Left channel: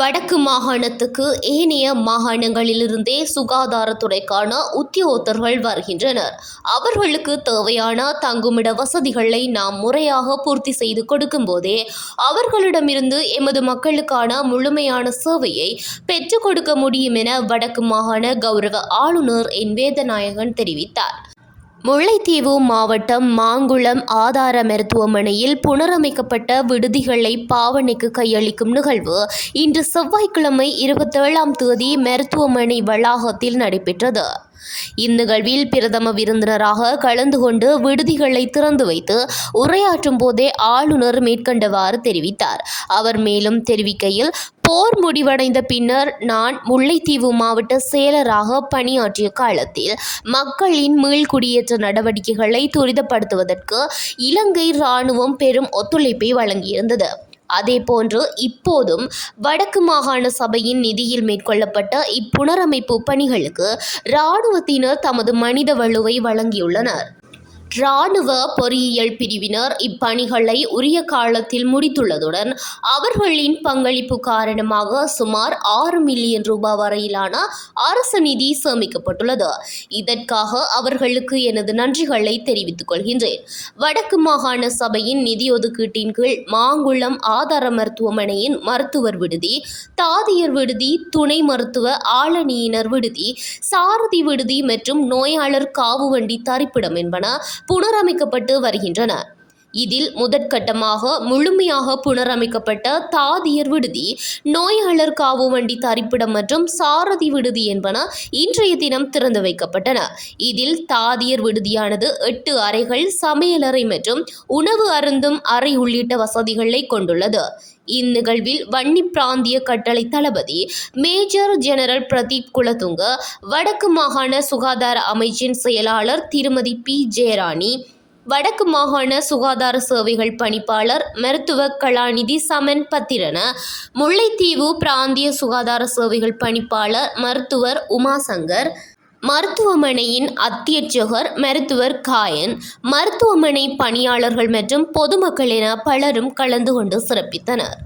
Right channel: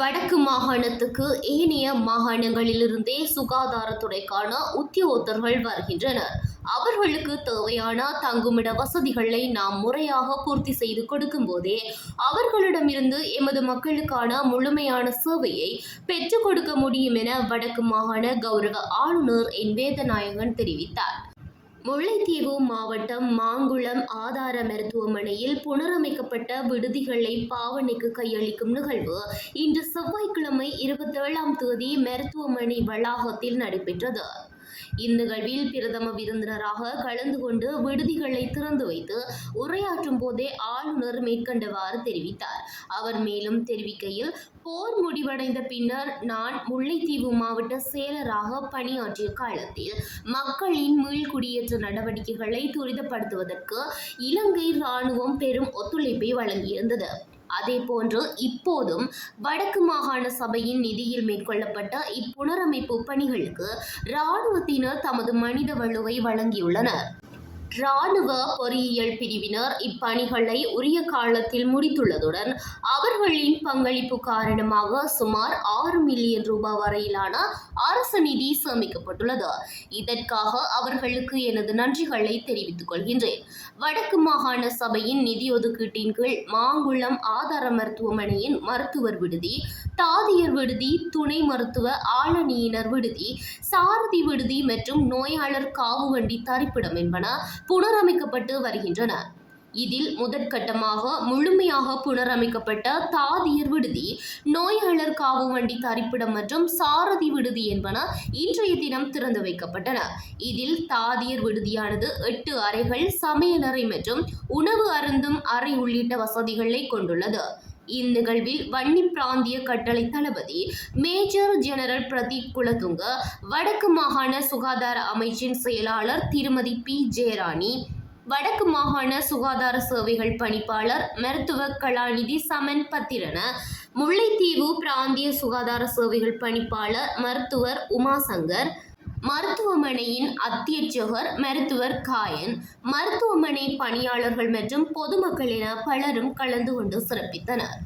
வடக்கு மாகாணத்துக்கு ஏனைய மாகாணங்களிலிருந்தே சுகாதாரத்துறைக்கான உத்தியோகத்தர்கள் வருகின்றனர். அவர்களுக்கு தேவையான தங்குமிட வசதிகளை நாம் முறையாக பூர்த்தி செய்து கொடுக்கும் போதே அவர்களிடமிருந்து எமது மக்களுக்கான முழுமையான சேவையை பெற்றுக் கொடுக்க முடியும் என வடக்கு மாகாண கௌரவ ஆளுநர் என். வேதநாயகன் தெரிவித்தார். முல்லைத்தீவு மாவட்டம் மாங்குளம் ஆதார மருத்துவமனையில் புனரமைக்கப்பட்ட விடுதிகளை பாவனைக்கு கையளிக்கும் நிகழ்வு இன்று செவ்வாய்க்கிழமை இருபத்தேழாம் தேதி மருத்துவமனை வளாகத்தில் நடைபெற்றது. இந்நிகழ்வில் பிரதம விருந்தினராக கலந்து கொண்டு விடுதிகளை திறந்து வைத்து உரையாற்றும் போதே ஆளுநர் மேற்கண்டவாறு தெரிவித்தார். அவர் மேலும் தெரிவிக்கையில் போர் முடிவடைந்த பின்னர் நான் முல்லைத்தீவு மாவட்ட செயலராக பணியாற்றிய காலத்தில் மக்களின் மீள்குடியேற்ற நடவடிக்கைகளை துரிதப்படுத்துவதற்கு இலங்கை இராணுவம் பெரும் ஒத்துழைப்பை வழங்கியிருந்தது. அதேபோன்று இப்போதும் வடக்கு மாகாண சபையின் நிதியில் மேற்கொள்ளப்பட்ட இப்புனரமைப்பு பணிகளுக்கு இராணுவத்தினர் தமது மனித வலுவை வழங்கியுள்ளனர். இராணுவ பொறியியல் பிரிவினர் இப்பணிகளை உரிய காலத்தில் முடித்துள்ளதுடன் அவர்களின் பங்களிப்பு காரணமாக சுமார் ஆறு மில்லியன் ரூபாய் வரையிலான அரசு நிதி சேமிக்கப்பட்டுள்ளது. இதற்காக அவர்களுக்கு எனது நன்றிகளை தெரிவித்துக் கொள்கின்றேன். வடக்கு மாகாண சபையின் நிதி ஒதுக்கீட்டின் கீழ் மாங்குளம் ஆதார மருத்துவமனையின் மருத்துவர் விடுதி தாதியர் விடுதி துணை மருத்துவ ஆளணியினர் விடுதி சாரதி விடுதி மற்றும் நோயாளர் காவு வண்டி தரிப்பிடம் என்பன புனரமைக்கப்பட்டு வருகின்றன. இதில் முதற்கட்டமாக முழுமையாக புனரமைக்கப்பட்ட தாதியர் விடுதி நோயாளர் காவு வண்டி தரிப்பிடம் மற்றும் சாரதி விடுதி என்பன இன்றைய தினம் திறந்து வைக்கப்பட்டன. இதில் தாதியர் விடுதியானது எட்டு அறைகள் சமையலறை மற்றும் உணவு அருந்தும் அறை உள்ளிட்ட வசதிகளை கொண்டுள்ளது. இந்நிகழ்வில் வன்னி பிராந்திய கட்டளை தளபதி மேஜர் ஜெனரல் பிரதீப் குலதுங்க வடக்கு மாகாண சுகாதார அமைச்சின் செயலாளர் திருமதி பி. ஜெயராணி வடக்கு மாகாண சுகாதார சேவைகள் பணிப்பாளர் மருத்துவ கலாநிதி சமன் பத்திரன முல்லைத்தீவு பிராந்திய சுகாதார சேவைகள் பணிப்பாளர் மருத்துவர் உமாசங்கர் மருத்துவமனையின் அத்தியட்சகர் மருத்துவர் காயன் மருத்துவமனை பணியாளர்கள் மற்றும் பொதுமக்கள் என பலரும் கலந்து கொண்டு சிறப்பித்தனர்.